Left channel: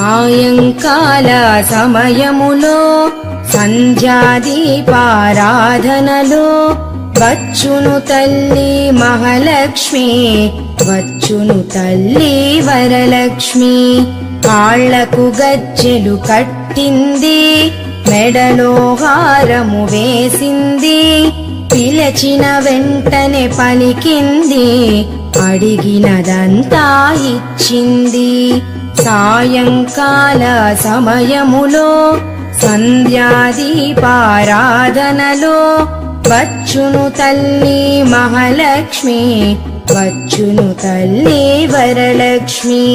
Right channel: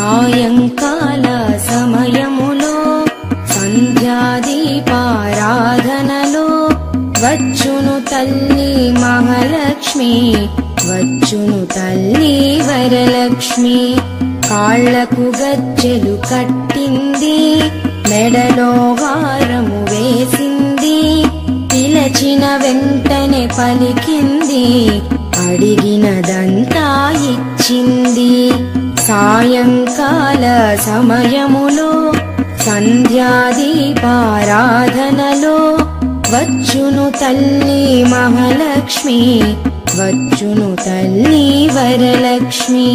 సాయంకాల సమయములో సంధ్యాదీపారాధనలో వచ్చును తల్లి మహాలక్ష్మి, వచ్చును తల్లి వరలక్ష్మి. కాళ్లకు గజ్జెలు కట్టింది, మెడలో హారము వేసింది, పిలచిన వెంటనే పలికింది, అడిగినదంతా ఇచ్చింది. సాయంకాల సమయములో సంధ్యాదీపారాధనలో వచ్చును తల్లి మహాలక్ష్మి, వచ్చును తల్లి వరలక్ష్మి.